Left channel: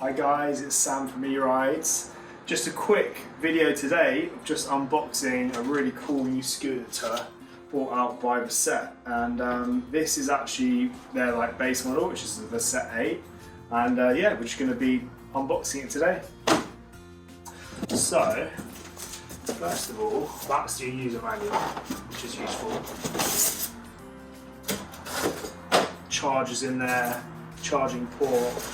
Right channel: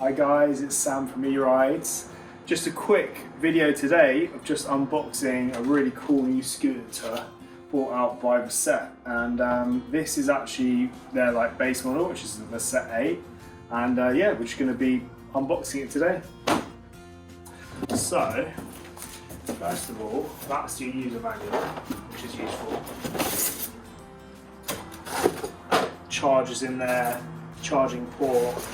Hi guys, it's Sam from E-Ridez. Just a quick video today of just unboxing a really cool new scooter brought out by VSETT, and this is actually their base model, which is the VSETT 8, and yeah, we're just going to be unboxing it today. So first of all, that's your user manual, which is useful. Chargers in there, charging port.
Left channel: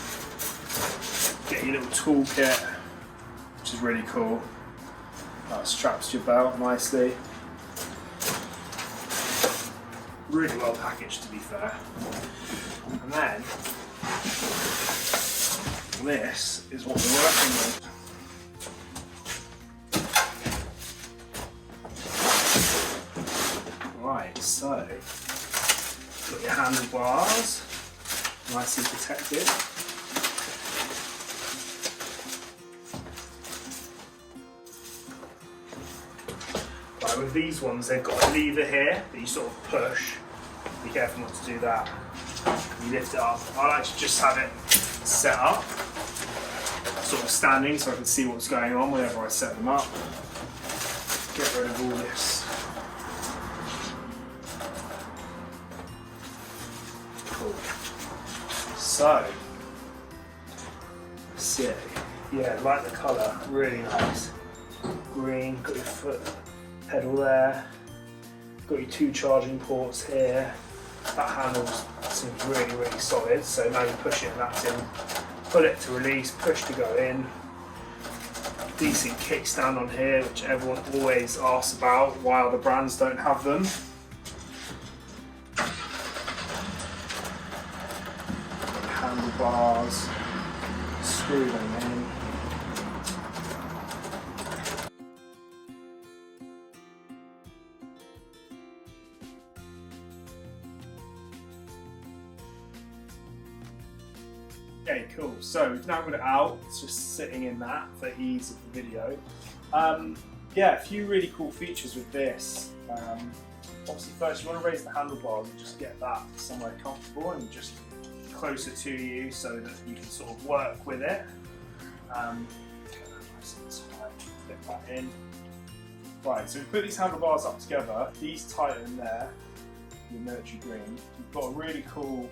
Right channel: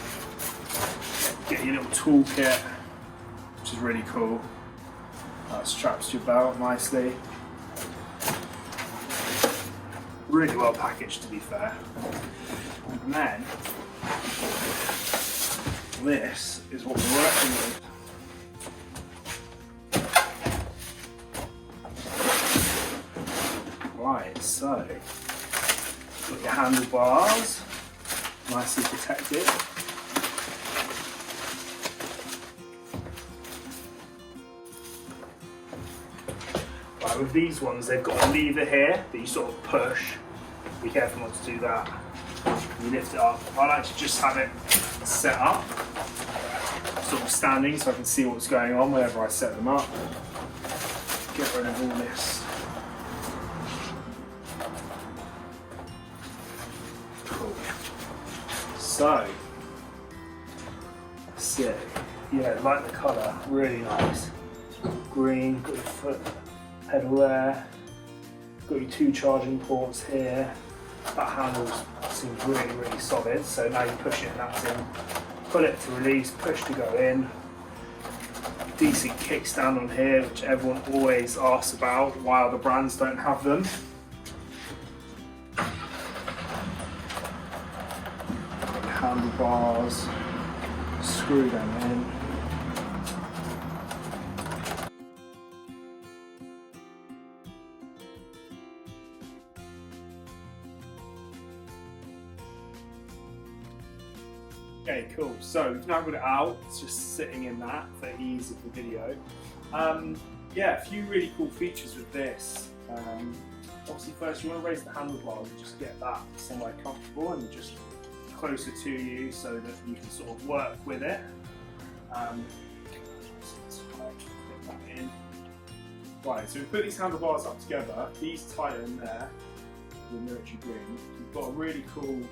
Get your little toolkit, which is really cool. That straps to your belt nicely. Really well packaged, to be fair. And then this is what we're working with. Right, so got your handlebars, nicely protected. With these ones, they've got a lever here that you sort of push. Be careful not to do that. You lift it up. I like to just have it set up, sort of standing, so I can see what's going on whenever I set them up. Get rid of all this. Cool. So, let's see. Yeah, like the colour, really nice. Green, got your foot pedal there, got your two charging ports here. That handle seems really solid, so now you push it and that's in. Pull it to release, push to go in. Decent kickstand on here, which everyone always asks about, why other brands don't have them. Handlebars, screw them in. Okay, cool. So we've now got it out. It's just sitting in that for ease of the video. Yeah, a few really cool features with this. Obviously, first you want to raise the handlebars and just get that somewhere comfortable and just closer to you so that you can sort of work with it. Fit that in. Right, so we put these handlebars up together. These tighten there with military green. We've got a really cool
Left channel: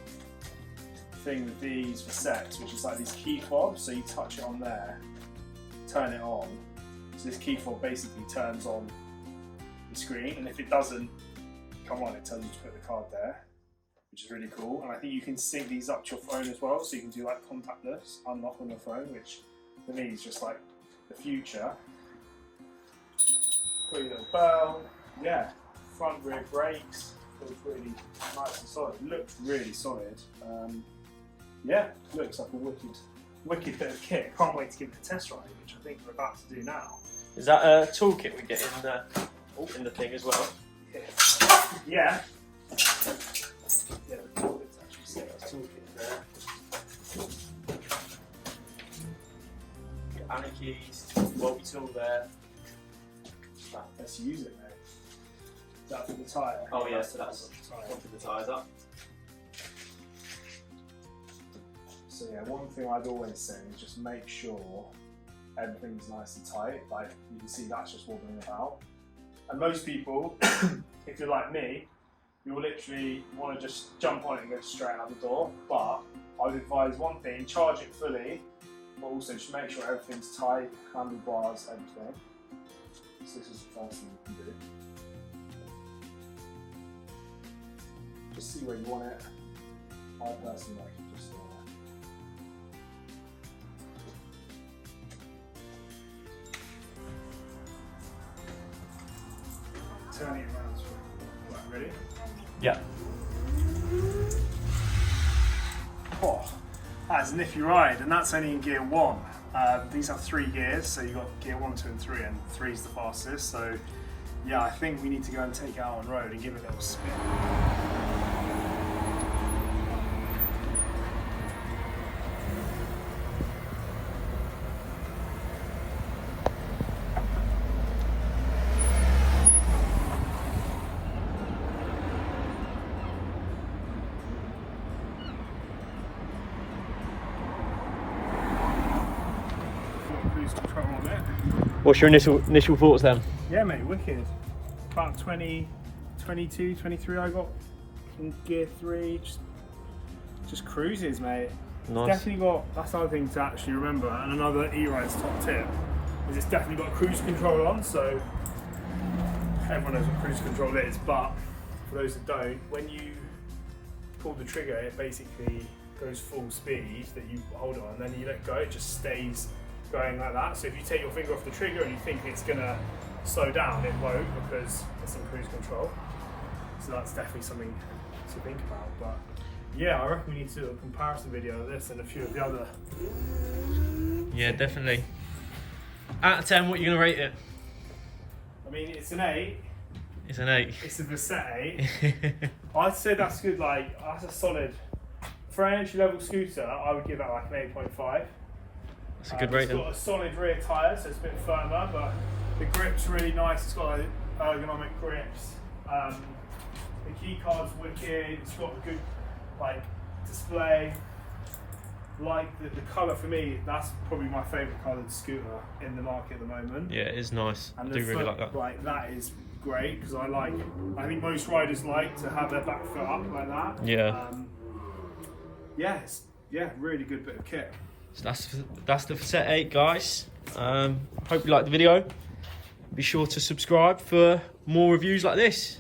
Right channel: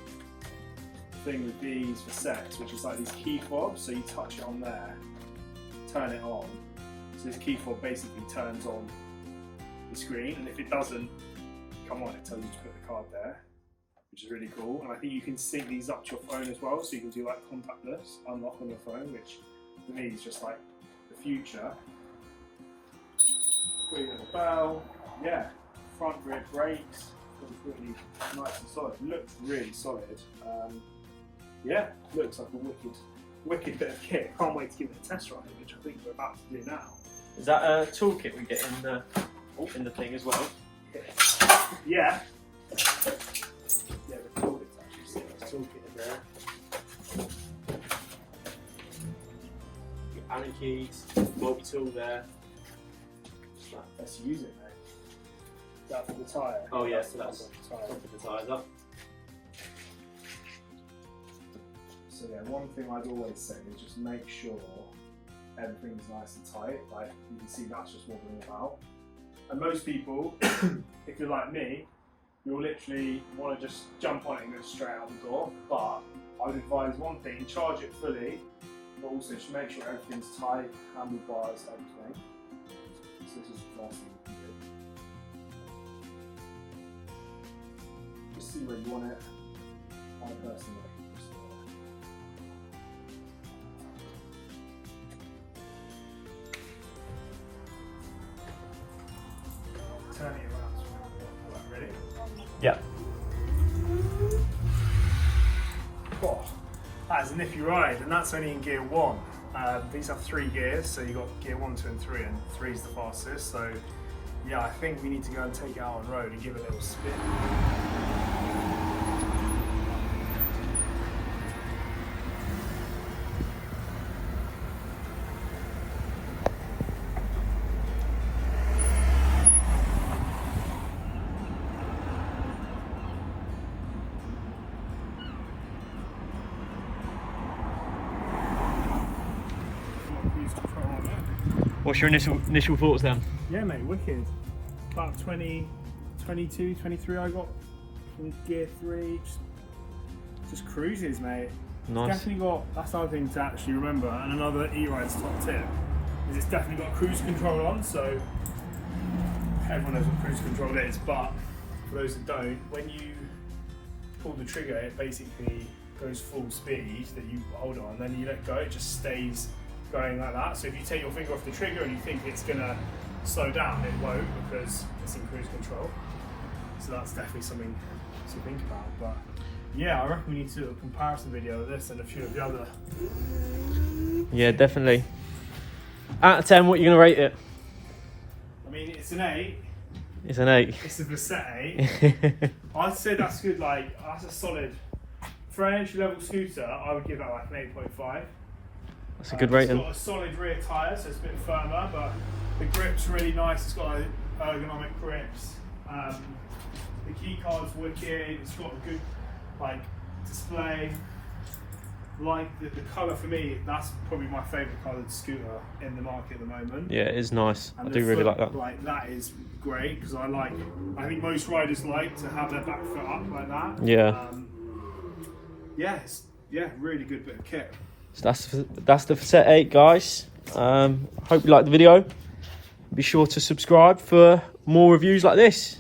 thing with these VSETTs, which is like these key fobs, so you touch it on there, turn it on, so this key fob basically turns on the screen, and if it doesn't come on, it tells you to put the card there, which is really cool. And I think you can sync these up to your phone as well, so you can do like contactless unlock on your phone, which for me is just like the future. Pretty little bell, yeah, front rear brakes, feels really nice and solid, looks really solid. Yeah, looks like a wicked bit of kit. Can't wait to give it a test ride, which I think we're about to do now. Is that a toolkit we get in the thing as well? Yeah. Yeah, the toolkit's actually set. There's a toolkit in there. Your Allen keys, Wobby tool there. Let's use it, mate. Is that for the tyre? Oh yeah, so that's top of the tyres up. So yeah, one thing I'd always say is just make sure everything's nice and tight. Like you can see, that's just wobbling about. And most people, if you're like me, you'll literally want to just jump on it and go straight out the door. But I would advise one thing: charge it fully, but also just make sure everything's tight, handlebars, everything. So this is the first thing you can do. Just see where you want it. I personally like it just turn it around so we're ready. Yeah. Oh, that's an iffy ride, and that's only in gear 1. These have 3 gears, so you've got gear 1, 2 and 3, and 3 is the fastest. So yeah, I think we need to go and take it out on road and give it a little spin. What's your initial thoughts then? Yeah, mate, wicked. About 20, 22, 23 I got in gear 3. Just cruises, mate. Nice. It's definitely got, that's another thing to actually remember, and another E-Ridez top tip, is it's definitely got cruise control on, so everyone knows what cruise control is, but for those that don't, when you pull the trigger, it basically goes full speed that you hold on, then you let go, it just stays going like that. So if you take your finger off the trigger and you think it's gonna slow down, it won't, because it's in cruise control. So that's definitely something to think about. But yeah, I reckon we need to do a comparison video of this and a few of the other. Yeah, definitely. Out of 10, what are you going to rate it? I mean, it's an 8. It's an 8. It's a VSETT 8. I'd say that's good, like, that's a solid, for an entry level scooter, I would give that like an 8.5. That's a good rating. It's got a solid rear tyre, so it's a bit firmer, but the grip's really nice. It's got ergonomic grips. The key card's wicked. It's got a good like display. Like the colour for me, that's probably my favourite coloured scooter in the market at the moment. Yeah, it is nice. And I do really like that. Like that is great because I think most riders like to have their back foot up like that. Yeah. Yeah, really good bit of kit. So that's the VSETT 8, guys. Hope you liked the video. Be sure to subscribe for more reviews like this.